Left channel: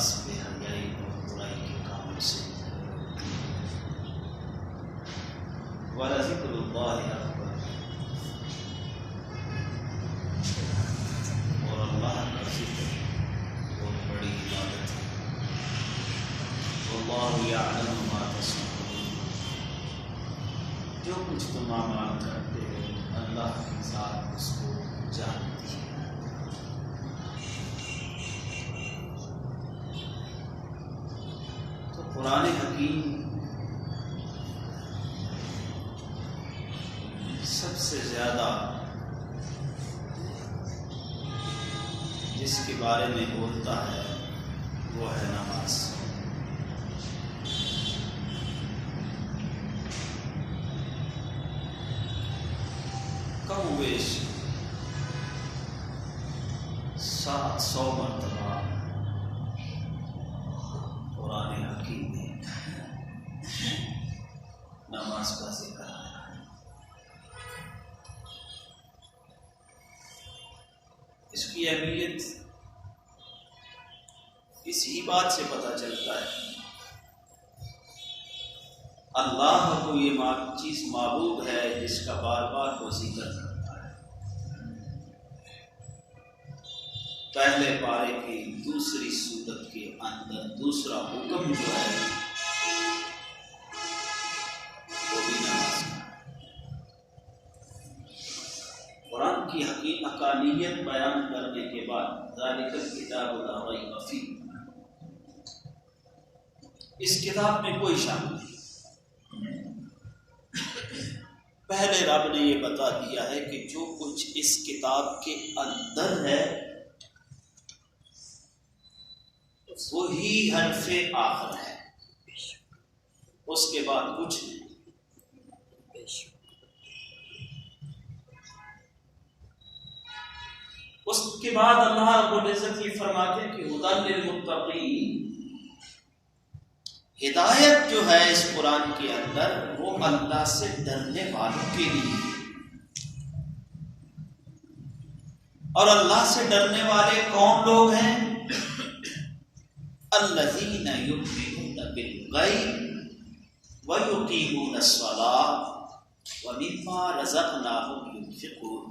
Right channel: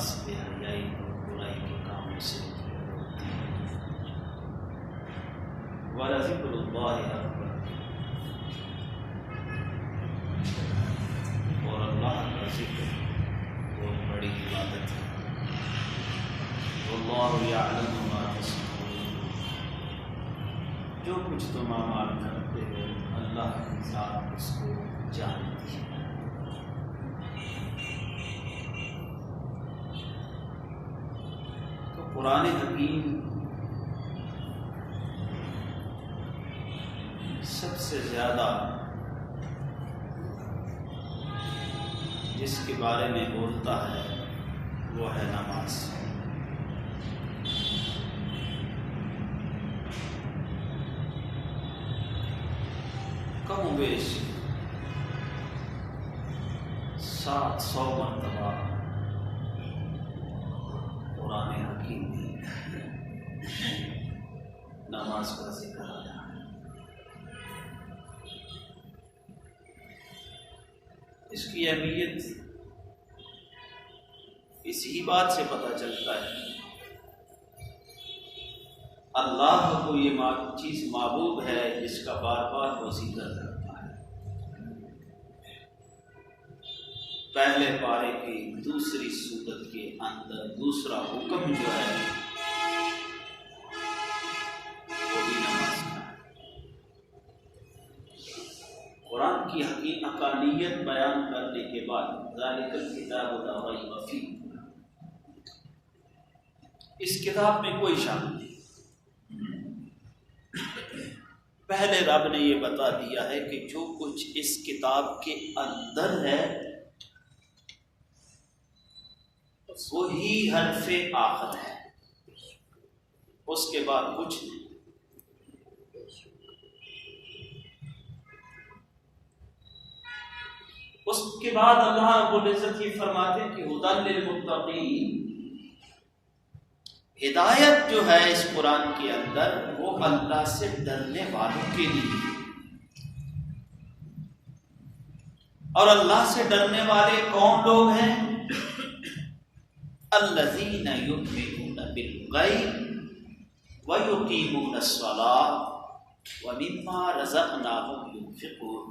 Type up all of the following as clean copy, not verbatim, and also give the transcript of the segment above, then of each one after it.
لباس بے حیائی اور برائی کے کاموں سے وَلَذِكْرُ اللَّهِ أَكْبَرُ، اور اللہ کا ذکر بہت بڑی عبادت ہے۔ وَاللَّهُ يَعْلَمُ مَا تَصْنَعُونَ، جو کچھ تم اعمال کرتے ہو اللہ کی ذات اس کو جانتی ہے۔ تو قرآن حکیم سب سے زیادہ جس کے بارے میں بولتا ہے وہ ہے نماز۔ کم و بیش 700 مرتبہ قرآن حکیم میں نماز کا ذکر آیا ہے۔ اس کی اہمیت اسی بات سے پتہ چلتا ہے، اللہ کو یہ چیز معبود ہے جس کا بار بار وہ ذکر کرتا ہے۔ پہلے پارے کی دوسری سورت کے اندر دوسرا حکم جو ہے وہ بھی نماز کا ہے۔ قرآن کی حقانیت بیان کرنے کے بعد ذالک الکتاب لا ریب فیہ، اس کتاب میں کوئی شک نہیں۔ پہلے رب نے یہ بتا دیا ہے کہ جو کچھ اس کتاب کے اندر ہے وہی حرف آخر ہے، اس کے بعد کچھ نہیں۔ اس کے بعد اللہ رب العزت یہ فرماتے ہیں کہ ھدی للمتقین، ہدایت جو ہے اس قرآن کے اندر وہ اللہ سے ڈرنے والوں کے لیے، اور اللہ سے ڈرنے والے کون لوگ ہیں؟ الذین یؤمنون بالغیب ویقیمون الصلاۃ ومما رزقناہم ینفقون۔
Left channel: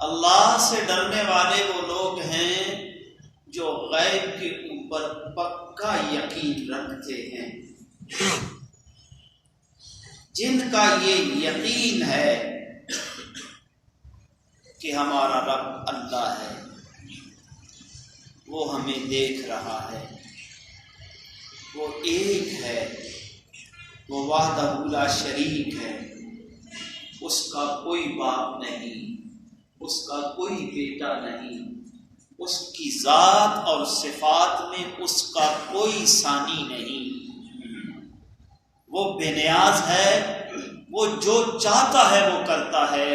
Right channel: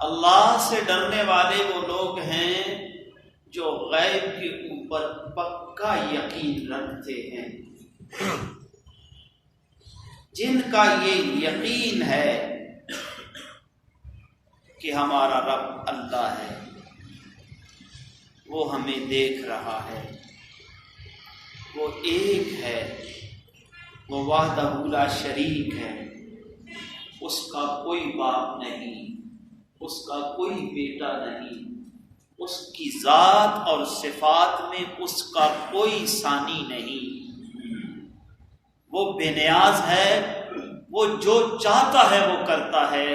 اللہ سے ڈرنے والے وہ لوگ ہیں جو غیب کے اوپر پکا یقین رکھتے ہیں، جن کا یہ یقین ہے کہ ہمارا رب اللہ ہے، وہ ہمیں دیکھ رہا ہے، وہ ایک ہے، وہ وحدہ لا شریک ہے، اس کا کوئی باپ نہیں، اس کا کوئی بیٹا نہیں، اس کی ذات اور صفات میں اس کا کوئی ثانی نہیں، وہ بے نیاز ہے، وہ جو چاہتا ہے وہ کرتا ہے،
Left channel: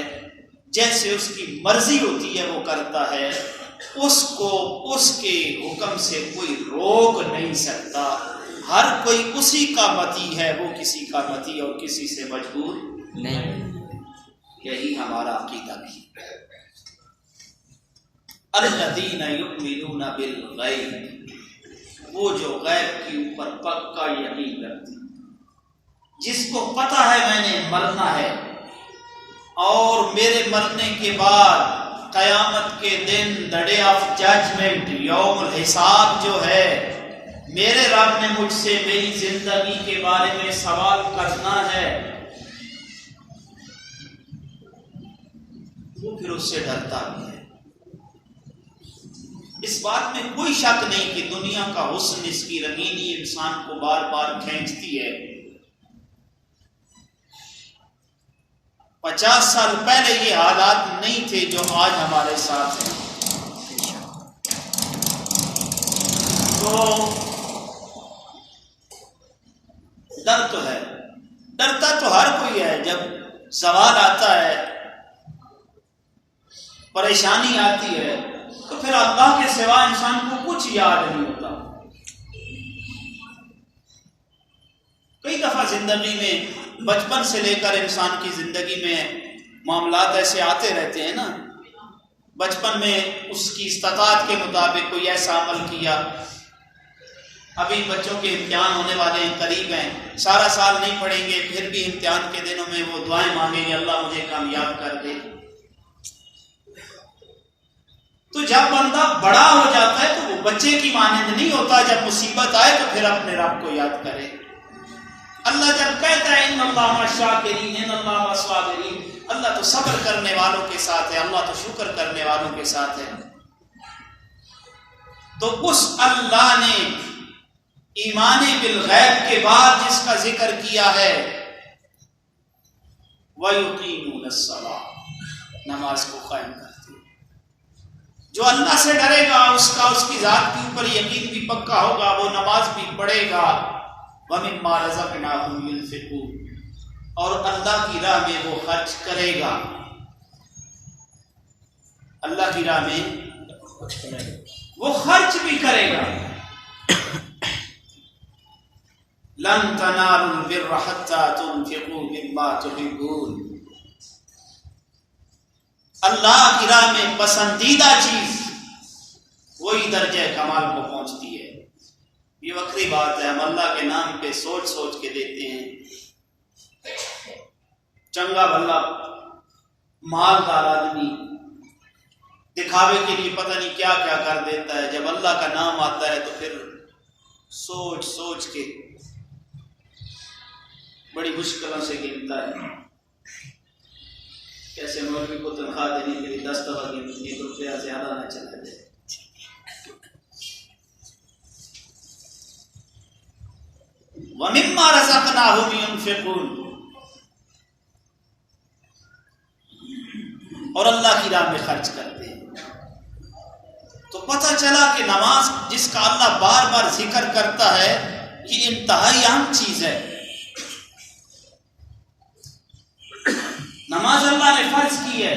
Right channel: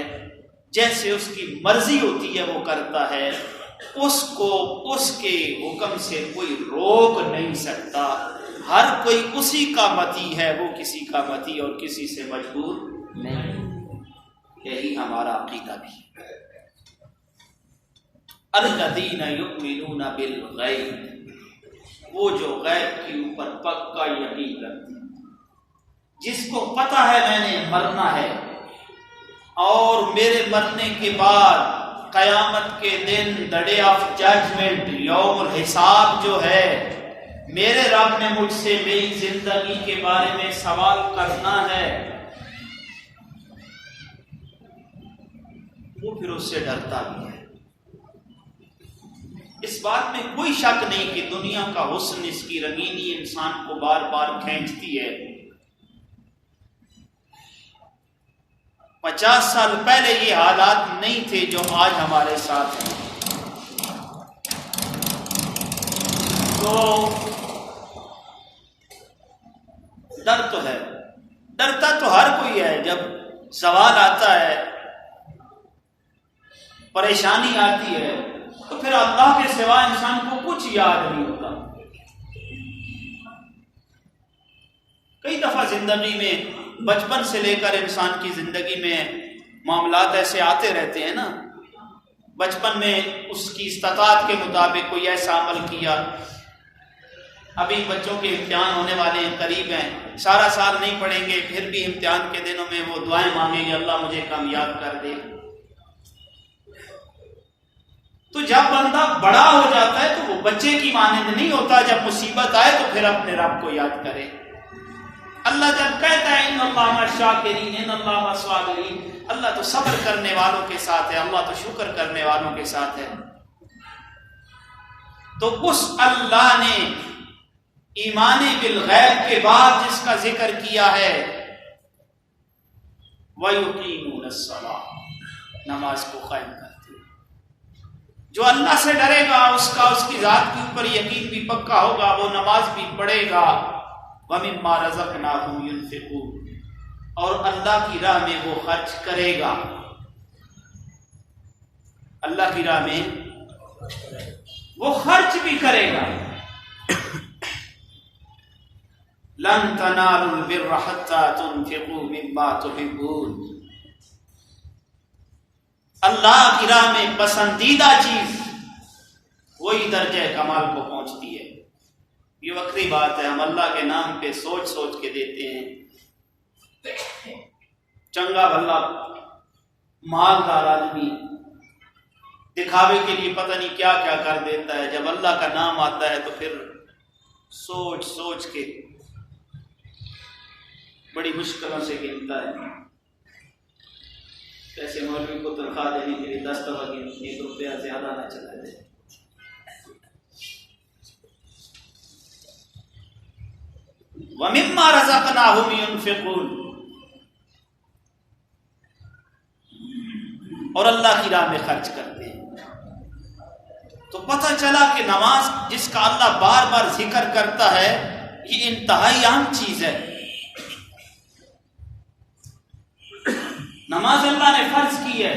جیسے اس کی مرضی ہوتی ہے وہ کرتا ہے، اس کو اس کے حکم سے کوئی روک نہیں سکتا، ہر کوئی اسی کا متی ہے، وہ کسی کا متی اور کسی سے مجبور نہیں۔ یہی ہمارا عقیدہ بھی ہے۔ الذین یؤمنون بالغیب، وہ جو غیب کے اوپر پکا یقین رکھتے ہیں، جس کو پتہ ہے میں نے مرنا ہے اور میرے مرنے کے بعد قیامت کے دن the day of judgment، یوم الحساب جو ہے، میرے رب نے مجھ سے میری زندگی کے بارے میں سوال کرنا ہے، وہ پھر اس سے ڈرتا بھی ہے۔ اس بات میں کوئی شک نہیں کہ دنیا کا حسن، اس کی رنگینی انسان کو بار بار کھینچتی ہے۔ 50 سال پہلے یہ حالات نہیں تھے جو آج ہمارے ساتھ ہیں، تو ڈر تو ہے، ڈرتا تو ہر کوئی ہے۔ جب سوال آتا ہے، پریشانی آتی ہے، تو پھر اللہ کے سوا انسان کو کچھ یاد نہیں ہوتا۔ کئی دفعہ زندگی میں بچپن سے لے کر انسان کی زندگی میں معاملات ایسے آتے رہتے ہیں نا بچپن میں اس کی استطاعت کے مطابق کوئی ایسا عمل کیا. ابھی بچوں کے امتحان ہونے والے ہیں، قریب ہیں، سارا سال نہیں پڑھیں گے، پھر بھی امتحان کے دنوں میں وہ دعائیں مانگیں گے اللہ مجھے کامیاب کر دے. تو جب بندہ بڑا ہو جاتا ہے تو وہ بچے کی مانند نہیں ہوتا. جب مصیبت آئے تو پھر اپنے رب کو یاد کرے. اللہ جب کہتا ہے ان اللہ مع الشاکرین ان اللہ مع الصابرین، اللہ تو صبر کرنے والوں کے ساتھ ہے، اللہ تو شکر کرنے والوں کے ساتھ ہے. تو اس اللہ نے ایمان بالغیب کے بعد جس کا ذکر کیا ہے وَيُقِيمُونَ الصَّلَاةَ، نماز کو قائم کرتے. جو اللہ سے ڈرے گا اس کا اس کی ذات کے اوپر یقین بھی پکا ہوگا، وہ نماز بھی پڑھے گا. وَمِمَّا رَزَقْنَاهُمْ يُنْفِقُونَ، اور اللہ کی راہ میں وہ خرچ کرے گا. اللہ کی راہ میں وہ خرچ بھی کرے گا. لَن تَنَالُوا الْبِرَّ حَتَّى تُنْفِقُوا مِمَّا تُحِبُّونَ، اللہ کی راہ میں پسندیدہ چیز وہی درجہ کمال کو پہنچتی ہے. یہ وقتی بات ہے، ہم اللہ کے نام پہ سوچ سوچ کے دیتے ہیں. چنگا بھلا مالدار آدمی دکھاوے کے لیے پتہ نہیں کیا کیا کر دیتا ہے، جب اللہ کا نام آتا ہے تو پھر سوچ سوچ کے بڑی مشکلوں سے گنتا ہے. کیسے مولوی کو تنخواہ دینے کے لیے 10 دفعہ گن، 1 روپیہ زیادہ نہ چلا جائے. وَمِمَّا رَزَقْنَاهُمْ يُنْفِقُونَ، اور اللہ کی راہ میں خرچ کرتے ہیں. تو پتہ چلا کہ نماز جس کا اللہ بار بار ذکر کرتا ہے یہ انتہائی اہم چیز ہے. نماز اللہ نے فرض کی ہے.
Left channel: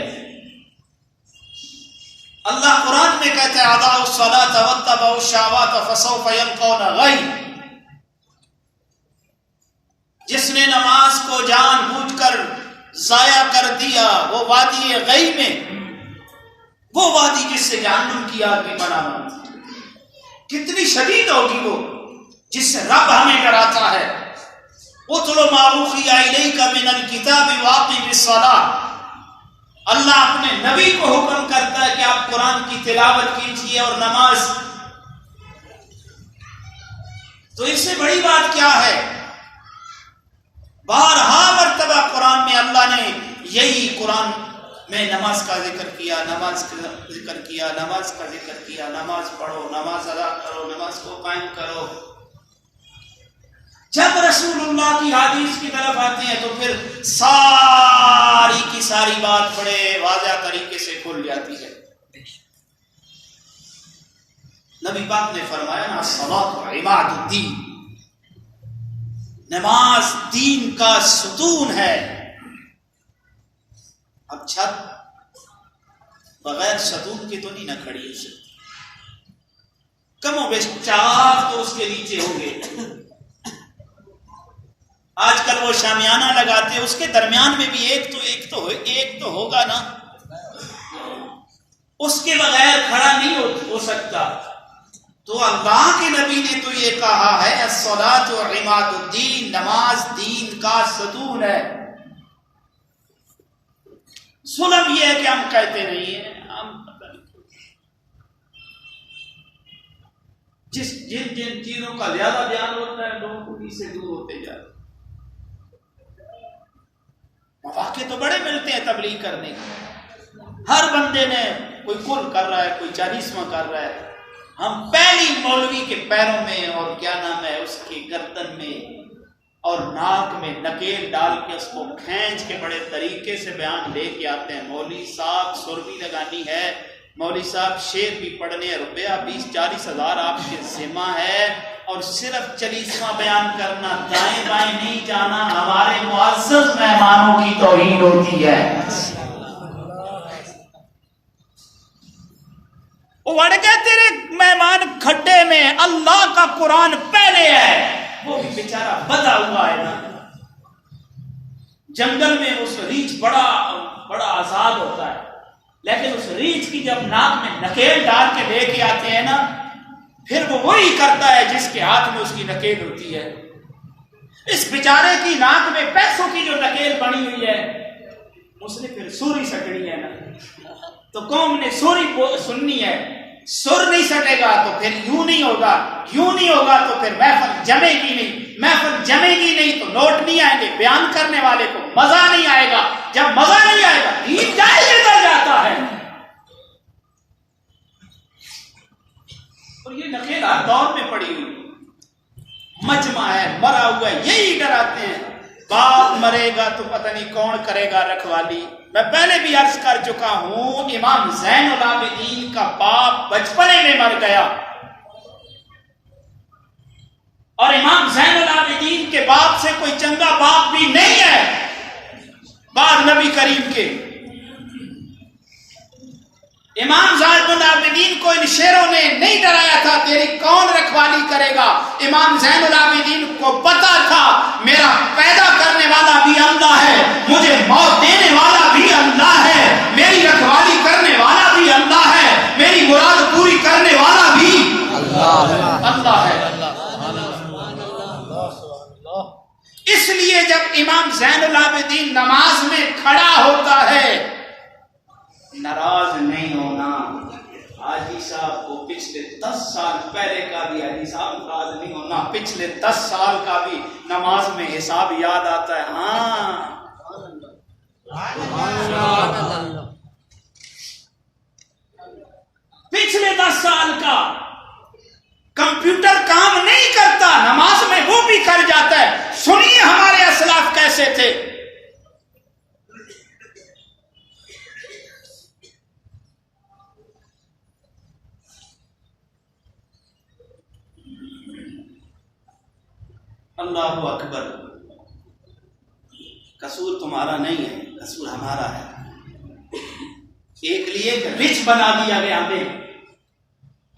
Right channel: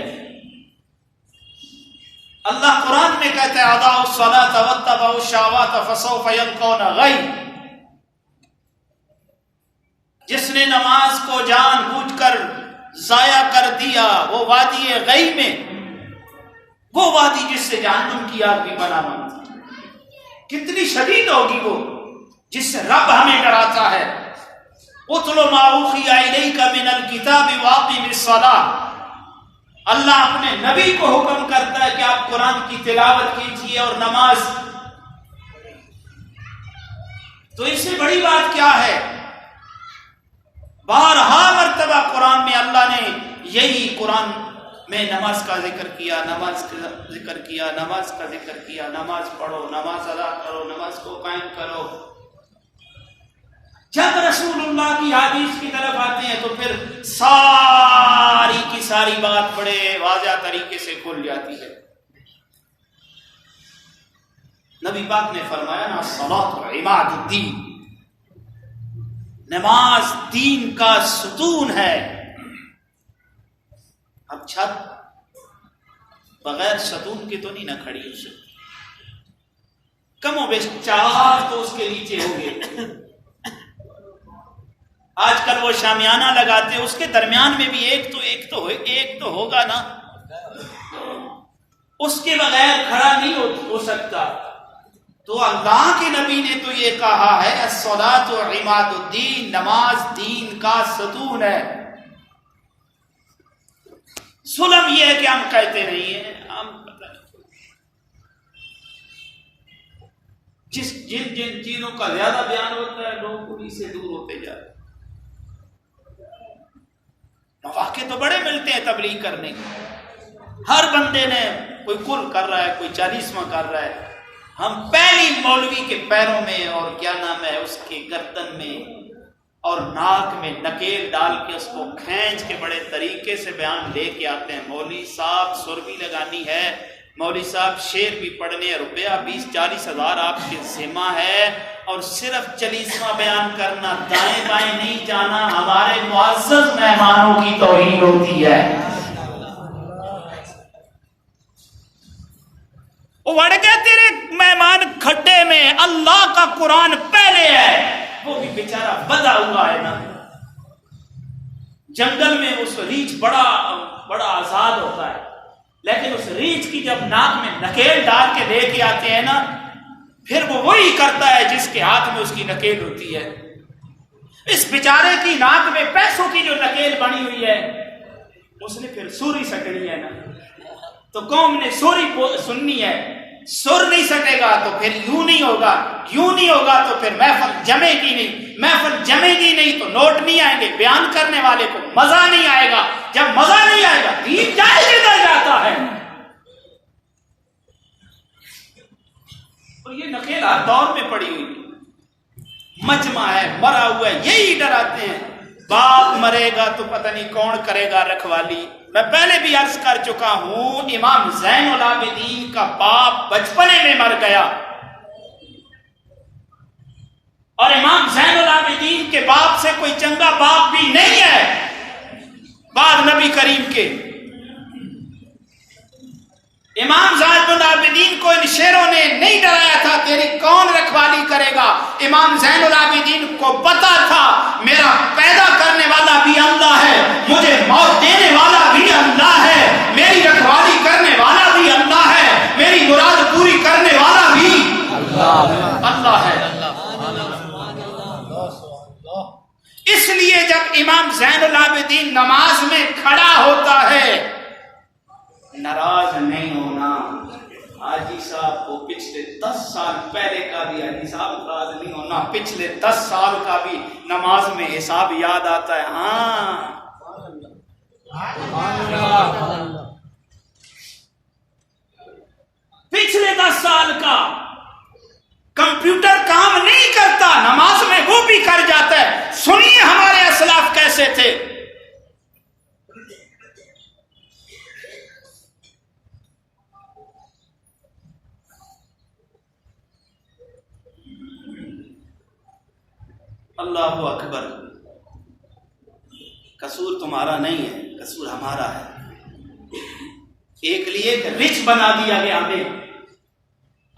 اللہ قرآن میں کہتا ہے اضاعوا الصلاة واتبعوا الشہوات فسوف یلقون غی، جس نے نماز کو جان بوجھ کر ضائع کر دیا وہ وادی غی میں، وہ وادی جس سے جہنم کی آگ بھی برآمد. کتنی شدید ہوگی وہ جس سے رب ہمیں ڈراتا ہے. اتل ما اوحی الیک من الکتاب واقم الصلاۃ، اللہ اپنے نبی کو حکم کرتا ہے کہ آپ قرآن کی تلاوت کیجیے اور نماز. تو اس سے بڑی بات کیا ہے؟ بارہا مرتبہ قرآن میں اللہ نے یہی قرآن میں نماز کا ذکر کیا، نماز کا ذکر کیا، نماز کا ذکر کیا. نماز پڑھو، نماز ادا کرو، نماز کو قائم کرو. جب رسول اللہ کی حدیث کی طرف آتے ہیں تو پھر ساری کی ساری بات بڑے واضح طریقے سے کھل جاتی ہے. نبی پاک نے فرمایا نا الصلاۃ عماد الدین، نماز دین کا ستون ہے. اب چھت بغیر ستون کے تو نہیں نہ کھڑی ہو سکتی، کم و بیش 4 تو اس کے نیچے ہوں گے. آج کل وہ شامیانہ لگاتے ہیں، اس کے درمیان میں بھی ایک تو ہوگا نا، اس کے بغیر کھڑا نہیں ہو سکتا. تو اللہ کے نبی نے تو یہ کہا ہے الصلاۃ عماد الدین، نماز دین کا ستون ہے. ظلم یہ ہے کہ ہم کہتے نہیں ہیں، ہم جن چیزوں کا زیادہ بیان ہوتا ہے لوگ انہی سے دور ہوتے جا رہے ہیں. مواقع تو بڑے ملتے ہیں تبلیغ کرنے کے، ہر بندے نے کوئی کل کر رہا ہے، کوئی 40واں کر رہا ہے. ہم پہلی مولوی کے پیروں میں اور کیا نام ہے اس کے گردن میں اور ناک میں نکیل ڈال کے اس کو کھینچ کے بڑے طریقے سے بیان لے کے آتے ہیں. مولوی صاحب سر بھی لگانی ہے، مولوی صاحب شعر بھی پڑھنے ہیں، روپیہ 20-40 ہزار آپ کے ذمہ ہے، اور صرف 40واں بیان کرنا، دائیں بائیں نہیں جانا ہمارے معزز مہمانوں کی توہین ہوتی ہے. وڑ گئے تیرے مہمان کھڈے میں، اللہ کا قرآن پہلے ہے. وہ بھی بیچارہ بدا ہوا ہے نا، جنگل میں اس ریچھ بڑا آزاد ہوتا ہے، لیکن اس ریچھ کی جب ناک میں نکیل ڈال کے لے کے آتے ہیں نا، پھر وہ وہی کرتا ہے جس کے ہاتھ میں اس کی نکیل ہوتی ہے۔ اس بیچارے کی ناک میں پیسوں کی جو نکیل بنی ہوئی ہے، اس نے پھر سوری سٹنی ہے نا، تو قوم نے سوری سننی ہے، سر نہیں سٹے گا تو پھر یوں نہیں ہوگا، یوں نہیں ہوگا تو پھر محفل جمے گی نہیں، محفل جمے گی نہیں تو نوٹ نہیں آئیں گے، بیان کرنے والے کو مزہ نہیں آئے گا، جب مزہ نہیں آئے گا دین جائے کدھر جاتا ہے؟ اور یہ نکیل ہر دور میں پڑی ہوئی، مجمع ہے، مرا ہوا ہے، یہی ڈراتے ہیں باپ مرے گا تو پتہ نہیں کون کرے گا رکھوالی۔ میں پہلے بھی عرض کر چکا ہوں، امام زین العابدین کا باپ بچپنے میں مر گیا، اور امام زین العابدین کے باپ سے کوئی چنگا باپ بھی نہیں ہے بعد نبی کریم کے۔ امام زین العابدین کو ان شیروں نے نہیں ڈرایا تھا تیری کون رکھوالی کرے گا، امام زین العابدین کو پتا تھا میرا پیدا کرنے والا بھی اللہ ہے، مجھے موت دینے والا بھی اللہ ہے، میری رکھوالی کرنے والا بھی اللہ ہے، میری مراد پوری کرنے والا بھی اللہ ہے۔ اس لیے جب امام زین العابدین نماز میں کھڑا ہوتا ہے، ناراض نہیں ہونا۔ حاجی صاحب کو پچھلے 10 سال پہلے کا بھی، حاجی صاحب ناراض نہیں ہونا، پچھلے 10 سال کا بھی نماز میں حساب یاد آتا ہے۔ ہاں پچھلے 10 سال کا کمپیوٹر کام نہیں کرتا، نماز میں وہ بھی کر جاتا ہے۔ سنیے ہمارے اسلاف کیسے تھے۔ اللہ اکبر، قصور تمہارا نہیں ہے، قصور ہمارا ہے۔ ایک لیے ایک رچ بنا دیا گیا ہمیں،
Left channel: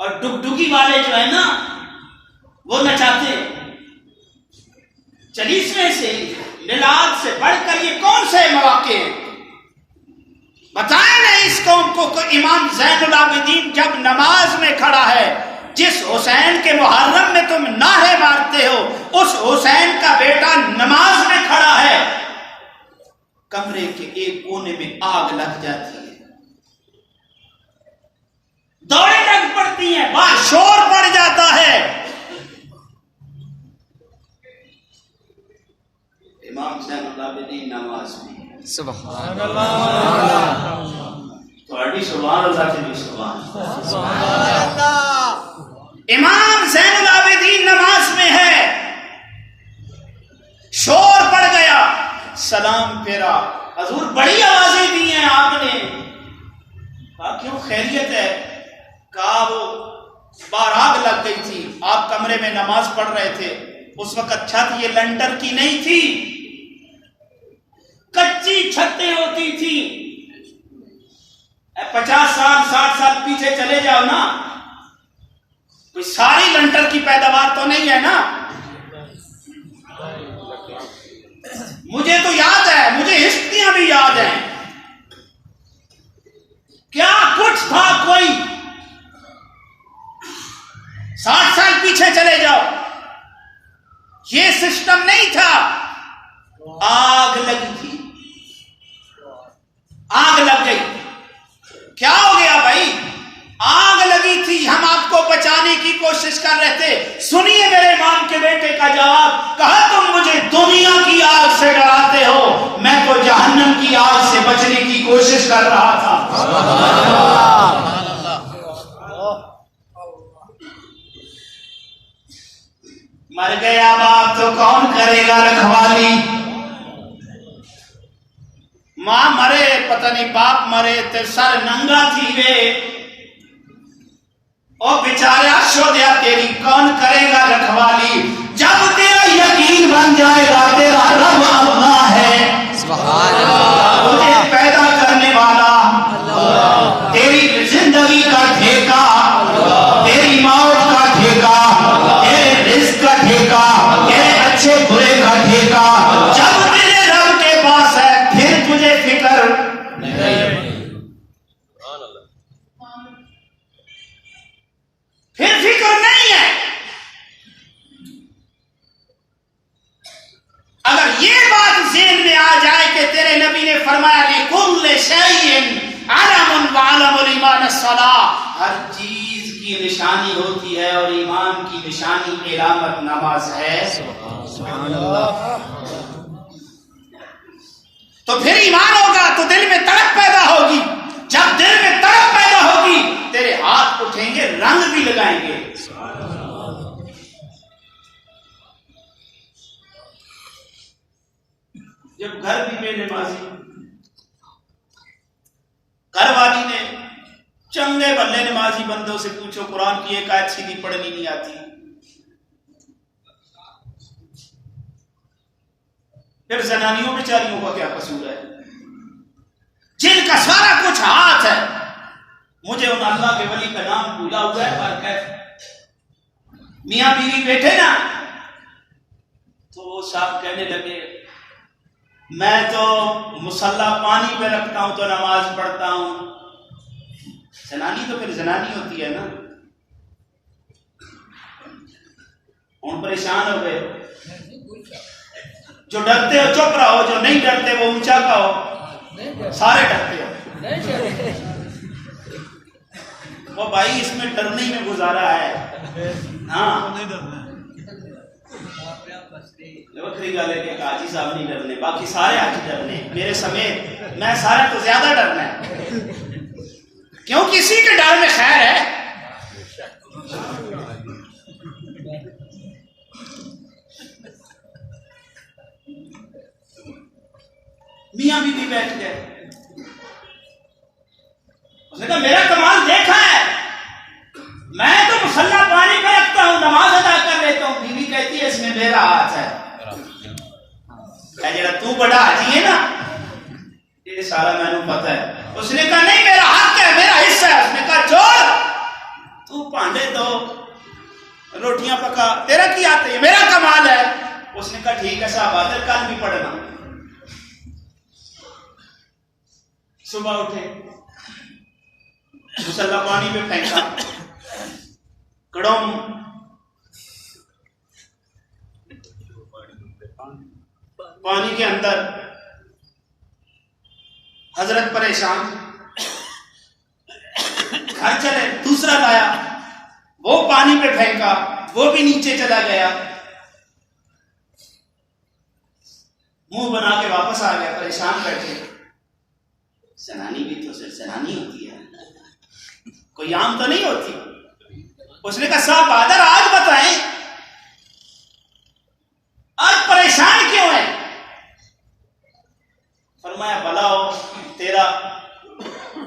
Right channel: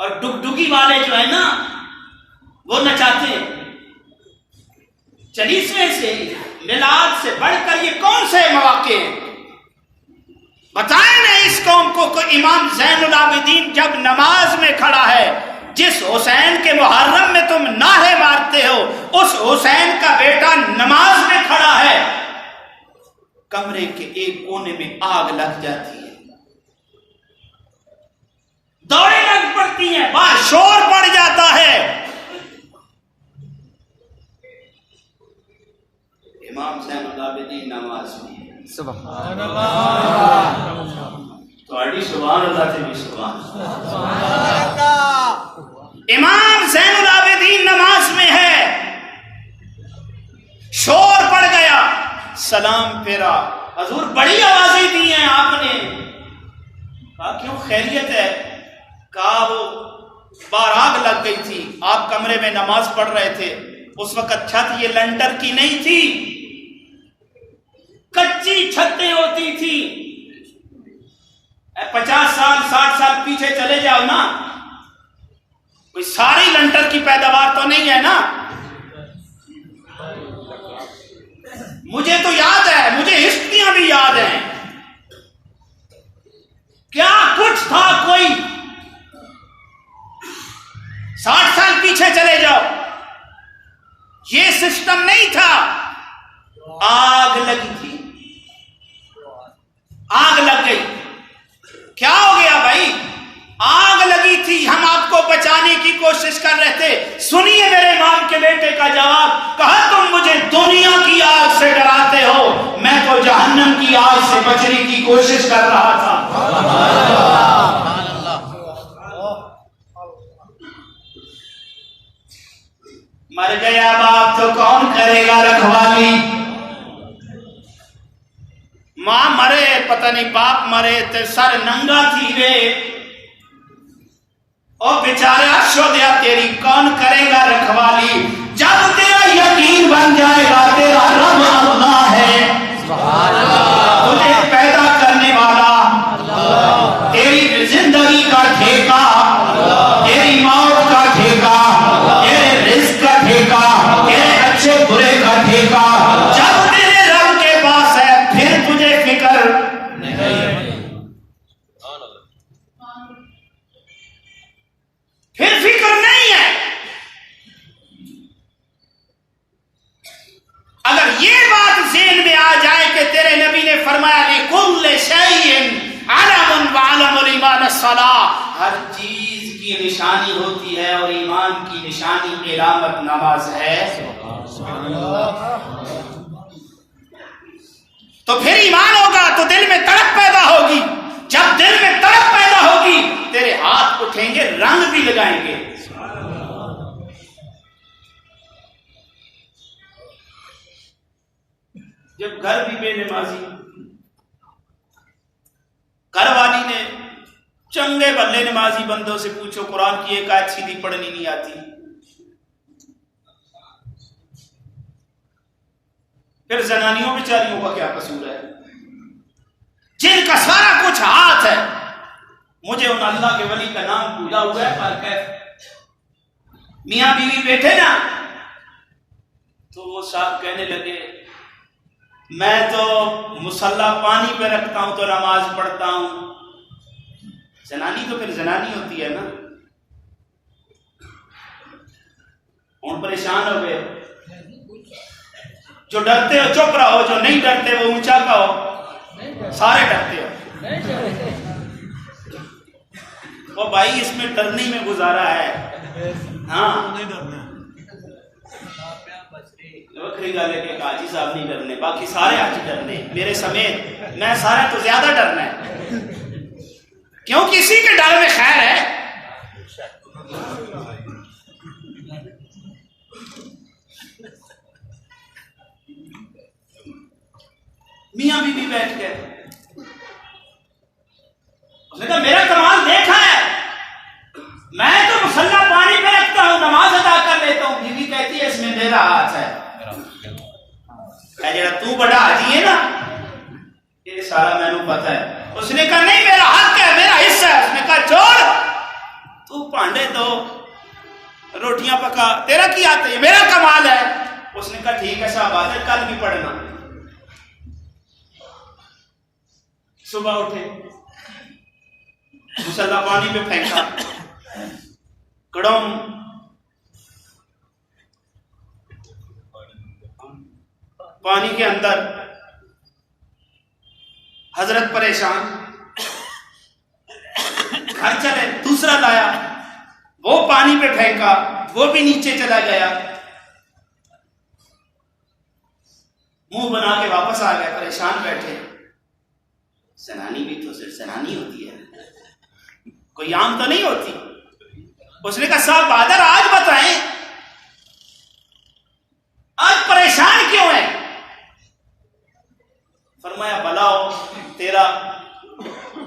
اور ڈگڈگی والے جو ہے نا وہ نچاتے ہیں۔ 40ویں سے میلاد سے بڑھ کر یہ کون سے مواقع ہیں؟ بتائیں نا اس قوم کو کہ امام زین العابدین جب نماز میں کھڑا ہے، جس حسین کے محرم میں تم نعرے مارتے ہو، اس حسین کا بیٹا نماز میں کھڑا ہے، کمرے کے ایک کونے میں آگ لگ جاتی ہے، دوڑیں لگ پڑتی ہیں، باہر شور پڑ جاتا ہے۔ امام زین العابدین نماز میں، سبحان اللہ، تھوڑی سبحان اللہ سے بھی سبحان اللہ۔ امام زین العابدین نماز میں ہے، شور پڑ گیا، سلام پھیرا، حضور بڑی آوازیں دی ہیں آپ نے، کہا کیوں خیریت ہے؟ کہا وہ باہر آگ لگ گئی تھی، آپ کمرے میں نماز پڑھ رہے تھے، اس وقت چھت یہ لنٹر کی نہیں تھی، کچی چھتیں ہوتی تھی۔ 50 سال 60 سال پیچھے چلے جاؤ نا، کوئی ساری لنٹر کی پیداوار تو نہیں ہے نا۔ مجھے تو یاد ہے، مجھے ہسٹریاں بھی یاد ہیں، کیا کچھ تھا، کوئی 60 سال پیچھے چلے جاؤ، یہ سسٹم نہیں تھا، آگ لگی تھی، آگ لگ گئی، کیا ہو گیا بھائی؟ آگ لگی تھی، ہم آپ کو بچانے کی کوشش کر رہے تھے۔ سنیے میرے امام کے بیٹے کا جواب، کہا تم مجھے دنیا کی آگ سے ڈراتے ہو، میں تو جہنم کی آگ سے بچنے کی کوشش کر رہا تھا۔ مر گیا باپ تو کون کرے گا رکھوالی؟ ماں مرے پتہ نہیں باپ مرے تے سر ننگا تھی وے، اور بیچارہ شودیا تیری کون کرے گا رکھوالی؟ جب تیرا یقین بن جائے گا تیرا رب اللہ ہے، سبحان اللہ، تجھے پیدا کرنے والا، تیری زندگی کا ٹھیکہ، تیری موت کا ٹھیکہ، تیرے رزق کا ٹھیکہ، تیرے اچھے برے کا ٹھیکہ جب تیرے رب کے پاس ہے، پھر تجھے فکر نہیں۔ پھر فکر نہیں ہے. اگر یہ بات ذہن میں آ جائے کہ تیرے نبی نے فرمایا لِكُلِّ شَيْءٍ عَلَمٌ وَعَلَمُ الْإِيمَانَ الصَّلَاةُ، ہر چیز کی نشانی ہوتی ہے اور ایمان کی نشانی علامت نماز ہے. تو پھر ایمان ہوگا تو دل میں تڑپ پیدا ہوگی. جب دل میں تڑپ پیدا ہوگی تیرے ہاتھ اٹھیں گے، رنگ بھی لگائیں گے. جب گھر بھی بے نمازی، گھر والی نے چنگے بلے نمازی بندوں سے پوچھو قرآن کی ایک آیت سیدھی پڑھنی نہیں آتی، پھر زنانیوں بیچاریوں کا کیا قصور ہے جن کا سارا کچھ ہاتھ ہے. مجھے ان اللہ کے ولی کا نام بھولا ہوا ہے، پر کیف میاں بیوی بیٹھے نا تو وہ صاحب کہنے لگے میں تو مصلی پانی پہ رکھتا ہوں تو نماز پڑھتا ہوں. زنانی تو پھر زنانی ہوتی ہے نا. ہوں پریشان ہو گئے. جو ڈرتے ہو چپ رہو، جو نہیں ڈرتے وہ اونچا کہو. سارے ڈرتے ہو. وہ بھائی اس میں ڈرنے میں گزارا ہے. ہاں وکری گل ہے کہ حاجی صاحب نہیں ڈرنے، باقی سارے حاجی ڈرنے میرے سمیت. میں سارے تو زیادہ ڈرنا ہے کیوں کسی کے ڈر میں خیر ہے. میاں بیوی بیٹھ گئے. اس نے کہا میرا کمال دیکھا ہے، میں تو مصلی پانی پہ رکھتا ہوں نماز ادا کر لیتا ہوں. بیوی کہتی ہے اس میں میرا ہاتھ ہے. جڑا تو بڑا حاجی ہے نا یہ سارا میں نے پتا ہے. اس نے کہا نہیں میرا حق ہے، میرا حصہ ہے. اس نے کہا چھوڑ، تو پانڈے دو روٹیاں پکا، تیرا کیا آتا ہے، میرا کمال ہے. اس نے کہا ٹھیک ہے صاحب آدر کل بھی پڑھنا. صبح اٹھے، مصلی پانی پہ پھینکا، کڑوم پانی کے اندر. حضرت پریشان، گھر چلے، دوسرا لایا، وہ پانی پہ پھینکا، وہ بھی نیچے چلا گیا. منہ بنا کے واپس آ گیا. پریشان بیٹھے. زنانی بھی تو صرف زنانی ہوتی ہے، کوئی عام تو نہیں ہوتی. اس نے کہا صاحب بہادر آج بتائیں آج پریشان کیوں ہے؟ فرمایا بلاؤ تیرا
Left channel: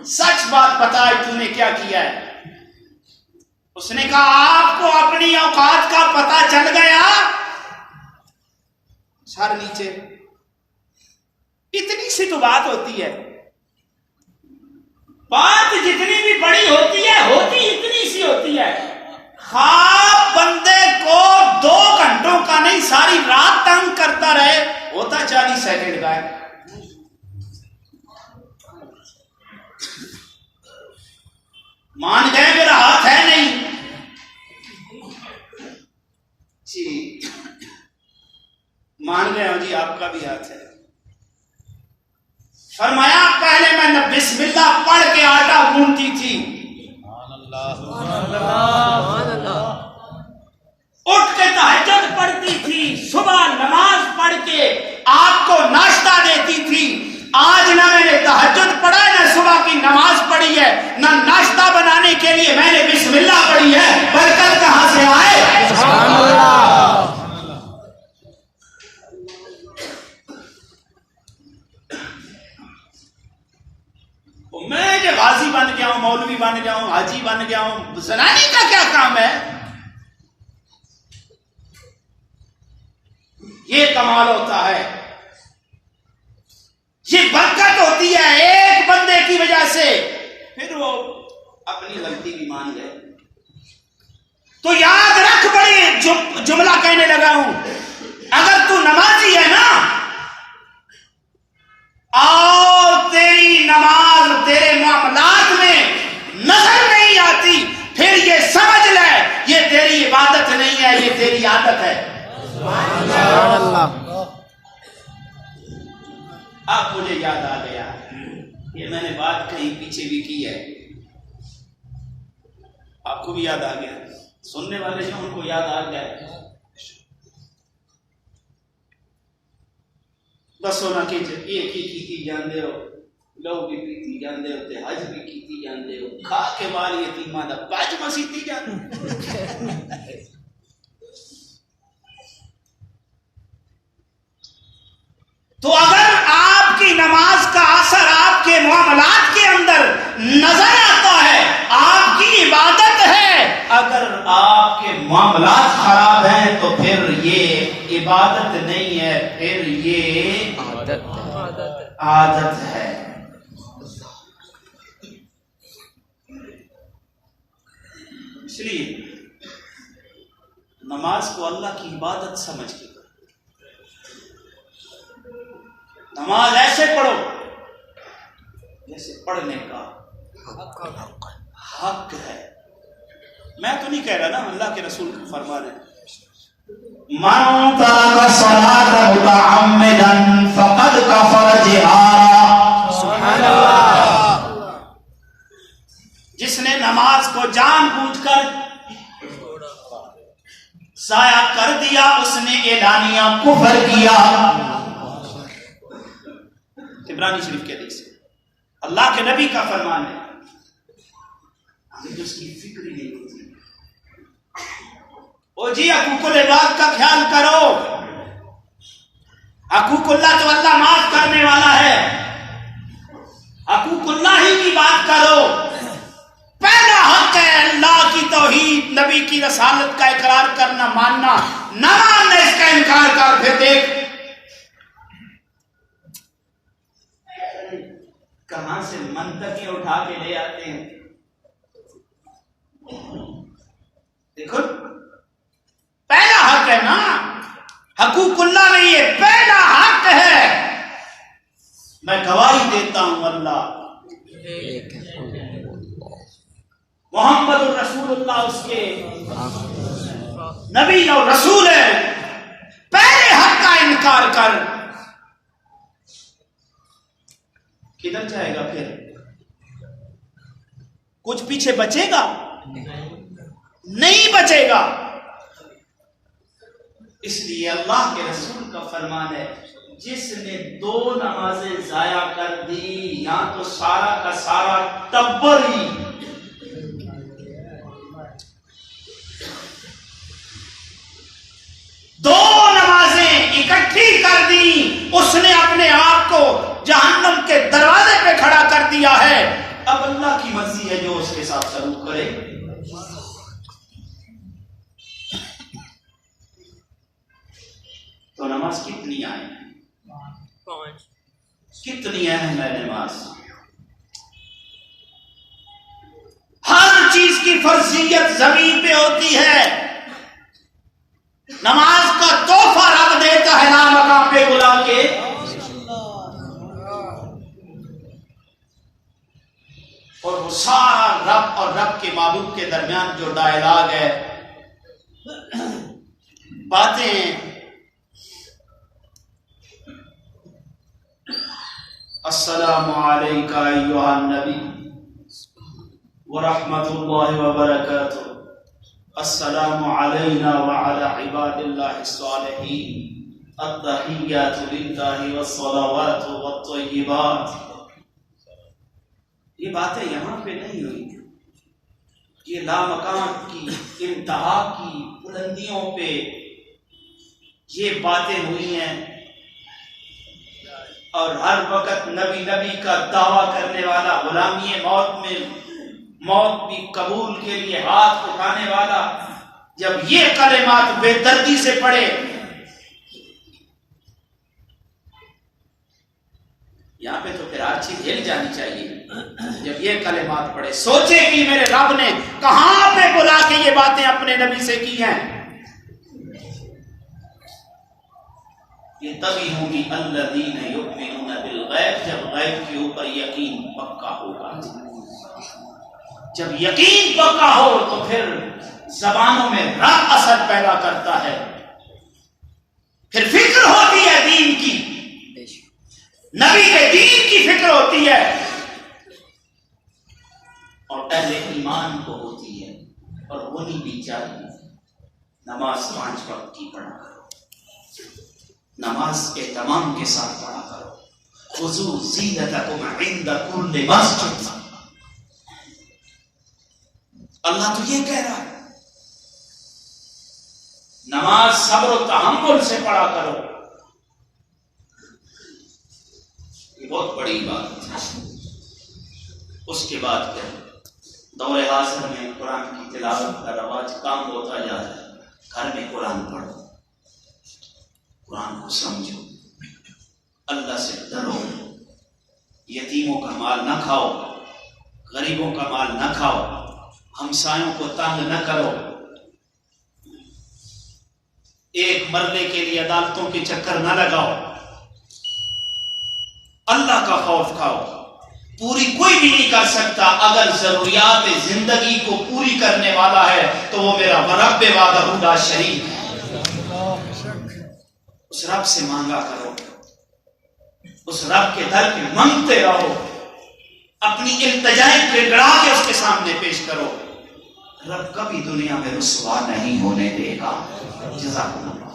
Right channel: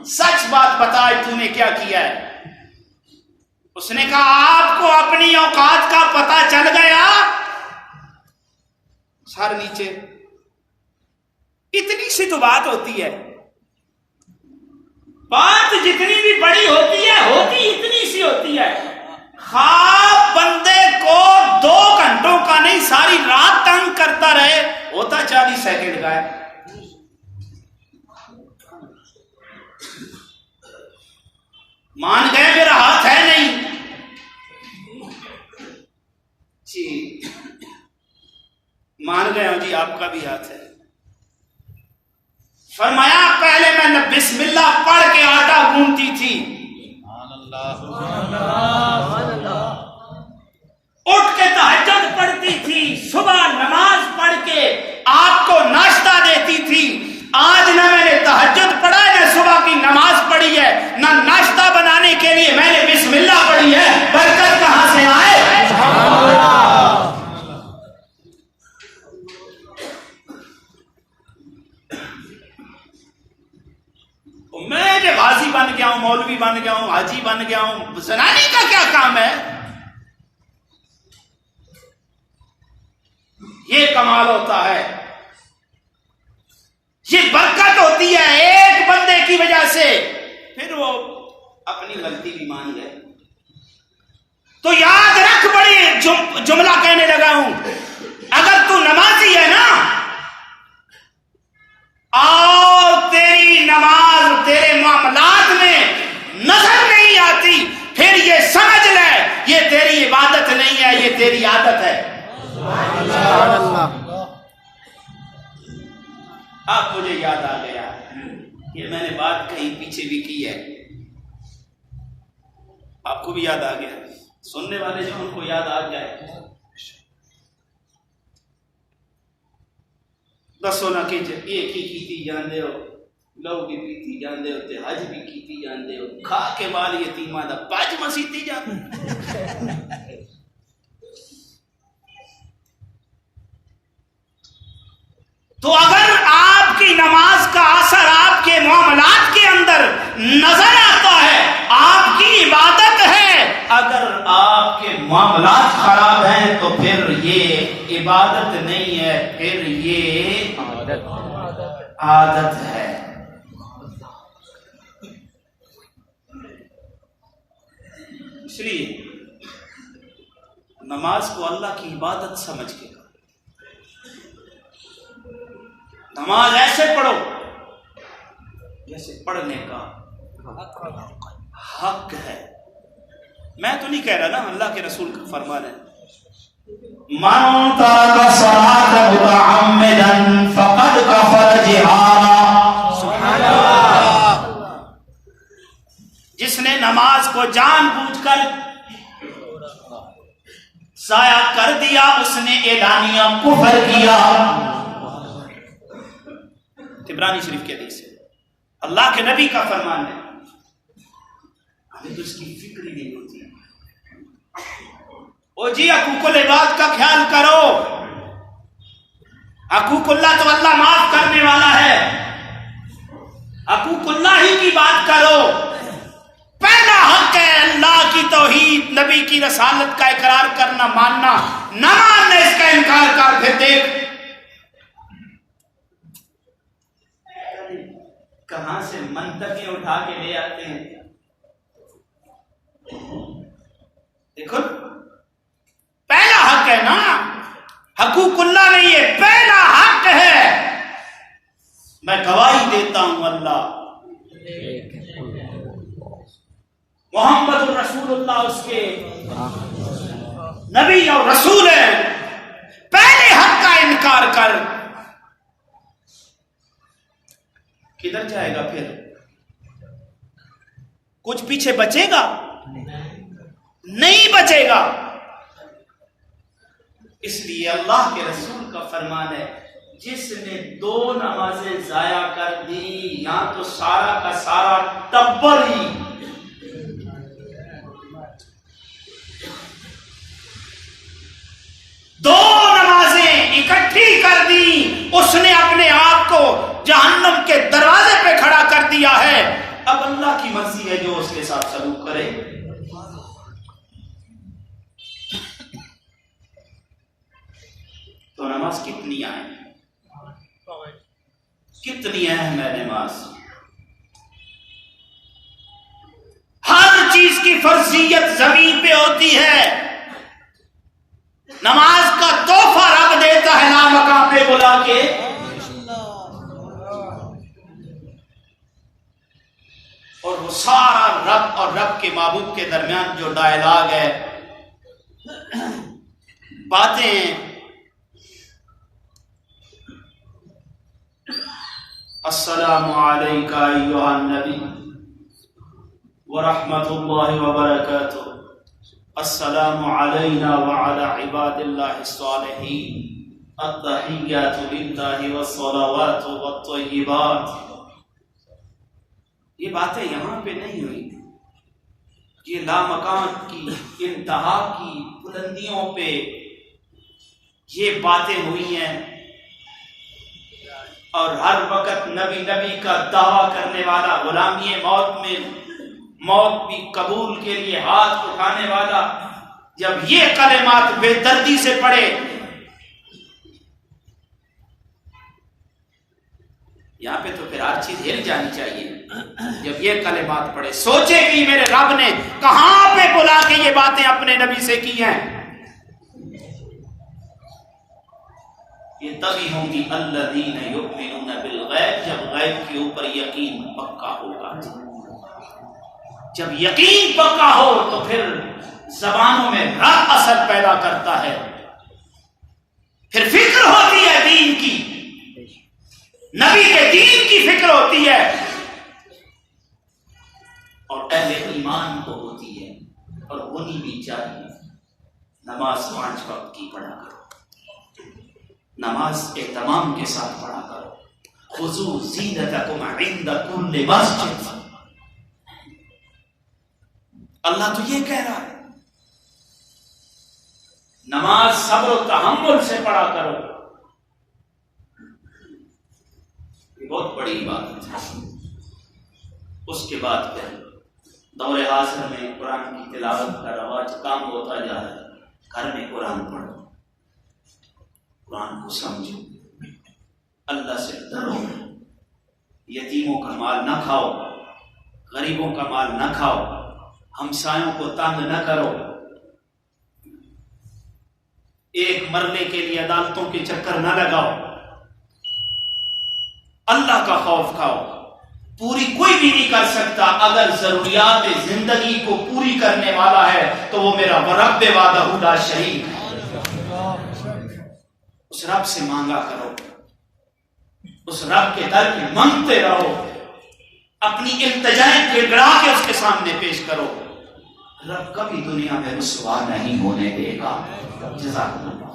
سچ بات بتا تو نے کیا کیا ہے. اس نے کہا آپ کو اپنی اوقات کا پتہ چل گیا. سر نیچے. اتنی سی تو بات ہوتی ہے، بات جتنی بھی بڑی ہوتی ہے ہوتی اتنی سی ہوتی ہے. خواب بندے کو 2 گھنٹوں کا نہیں ساری رات تنگ کرتا رہے، ہوتا 40 سیکنڈ کا ہے. مان گئے میرا ہاتھ ہے نہیں جی، مان گئے ہوں جی آپ کا بھی ہاتھ ہے. فرمایا پہلے میں بسم اللہ پڑھ کے آٹا گوندتی تھی، اٹھ کے تہجد پڑھتی تھی، صبح نماز پڑھ کے آپ کو ناشتہ دیتی تھی. آج نہ میں نے تہجد پڑھا ہے، نہ صبح کی نماز پڑھی ہے، نہ ناشتہ بنانے کے لیے میں نے بسم اللہ پڑھی ہے. برکت کہاں سے آئے؟ میں جو غازی بن گیا ہوں، مولوی بن گیا ہوں، حاجی بن گیا ہوں، زنانی کا کیا کام ہے؟ یہ کمال ہوتا ہے، یہ برکت ہوتی ہے ایک بندے کی وجہ سے. پھر وہ اپنی غلطی بھی مان گئے. تو یاد رکھ، بڑی جملہ کہنے لگا ہوں، اگر تو نمازی ہے نا اور تیری نماز تیرے معاملات میں نظر نہیں آتی، پھر یہ سمجھ لے عادت ہے؟ اب مجھے یاد آ گیا، یہ میں نے بات کہیں پیچھے بھی کی ہے، آپ کو بھی یاد آ گیا، سننے والے جو ان کو یاد آ جائے۔ دسو نا کہ ایک ہی کیتی جاندے ہو، لو بھی پیتی جاندے ہو تے حج بھی کیتی جاندے ہو، کھا کے بال یتیماں دا پج مسیتی جاندے ہو۔ تو اگر آپ کی نماز کا اثر آپ کے معاملات کے اندر نظر آتا ہے، آپ کی عبادت ہے، اگر آپ کے معاملات خراب ہیں تو پھر یہ عبادت نہیں ہے، پھر یہ عادت ہے۔ اس لیے نماز کو اللہ کی عبادت سمجھ کے، نماز ایسے پڑھو جیسے پڑھنے کا حق ہے۔ میں تو نہیں کہہ رہا نا، اللہ کے رسول کا فرمان ہے، من ترک الصلاۃ متعمدا فقد کفر جہارا۔ جس نے نماز کو جان بوجھ کر ضائع کر دیا، اس نے اعلانیہ کفر کیا۔ عبرانی شریف کی حدیث ہے، اللہ کے نبی کا فرمان ہے، ہمیں تو اس کی فکر ہی نہیں ہوتی۔ او جی حقوق العباد کا خیال کرو، حقوق اللہ تو اللہ معاف کرنے والا ہے، حقوق اللہ ہی کی بات کرو۔ پہلا حق ہے اللہ کی توحید، نبی کی رسالت کا اقرار کرنا، ماننا، نہ ماننا اس کا انکار کر۔ پھر دیکھ کہاں سے منطقیں اٹھا کے لے آتے ہیں۔ دیکھو پہلا حق ہے نا، حقوق اللہ نہیں ہے، پہلا حق ہے۔ میں گواہی دیتا ہوں اللہ محمد رسول اللہ اس کے نبی اور رسول ہے۔ پہلے حق کا انکار کر، کدھر جائے گا پھر؟ کچھ پیچھے بچے گا؟ نہیں بچے گا۔ اس لیے اللہ کے رسول کا فرمان ہے، جس نے 2 نمازیں ضائع کر دی، یا تو سارا کا سارا ٹبر ہی، دو نمازیں اکٹھی کر دی، اس نے اپنے آپ کو جہنم کے دروازے پہ کھڑا کر دیا ہے۔ اب اللہ کی مرضی ہے جو اس کے ساتھ سلوک کرے۔ تو نماز کتنی اہم ہے، کتنی اہم ہے نماز۔ ہر چیز کی فرضیت زمین پہ ہوتی ہے، نماز کا تحفہ رب دیتا ہے نامقام پہ بلا کے۔ اور وہ سارا رب اور رب کے محبوب کے درمیان جو ڈائلاگ ہے، باتیں ہیں، السلام علیکہ ایھا النبی ورحمۃ اللہ وبرکاتہ، السلام علینا وعلی عباد اللہ الصالحین، التحیات للہ والصلوات والطیبات۔ یہ باتیں یہاں پہ نہیں ہوئی، یہ لامکان کی انتہا کی بلندیوں پہ یہ باتیں ہوئی ہیں، اور ہر وقت نبی کا دعویٰ کرنے والا، غلامی موت میں موت بھی قبول کے لیے ہاتھ اٹھانے والا، جب یہ کلمات بے دردی سے پڑھے، یہاں پہ تو پھر ہر چیز ہل جانی چاہیے۔ جب یہ کلمات پڑھے، سوچے کہ میرے رب نے کہاں پہ بلا کے یہ باتیں اپنے نبی سے کی ہیں۔ یہ تبھی ہوں گی الذین یؤمنون بالغیب، جب غیب کے اوپر یقین پکا ہوگا۔ جب یقین پکا ہو تو پھر زبانوں میں رنگ اثر پیدا کرتا ہے، پھر فکر ہوتی ہے دین کی، نبی کے دین کی فکر ہوتی ہے، اور اہل ایمان کو ہوتی ہے، اور ہونی بھی چاہیے۔ نماز 5 وقت کی پڑھا کرو، نماز اہتمام کے ساتھ پڑھا کرو۔ خذوا زینتکم عند کل مسجد، اللہ تو یہ کہہ رہا ہے، نماز صبر و تحمل سے پڑھا کرو، یہ بہت بڑی عبادت ہے۔ اس کے بعد کیا؟ دور حاضر میں قرآن کی تلاوت کا رواج کام ہوتا جا رہا ہے۔ گھر میں قرآن پڑھو، قرآن کو سمجھو، اللہ سے ڈرو، یتیموں کا مال نہ کھاؤ، غریبوں کا مال نہ کھاؤ، ہمسایوں کو تنگ نہ کرو، ایک مرنے کے لیے عدالتوں کے چکر نہ لگاؤ، اللہ کا خوف کھاؤ۔ پوری کوئی بھی نہیں کر سکتا، اگر ضروریات زندگی کو پوری کرنے والا ہے تو وہ میرا رب وحدہ لا شریک ہے۔ اس رب سے مانگا کرو، اس رب کے در پہ مانگتے رہو، اپنی التجائیں گڑگڑا کے اس کے سامنے پیش کرو، رب کبھی دنیا میں رسوا نہیں ہونے دے گا۔ جزاک اللہ۔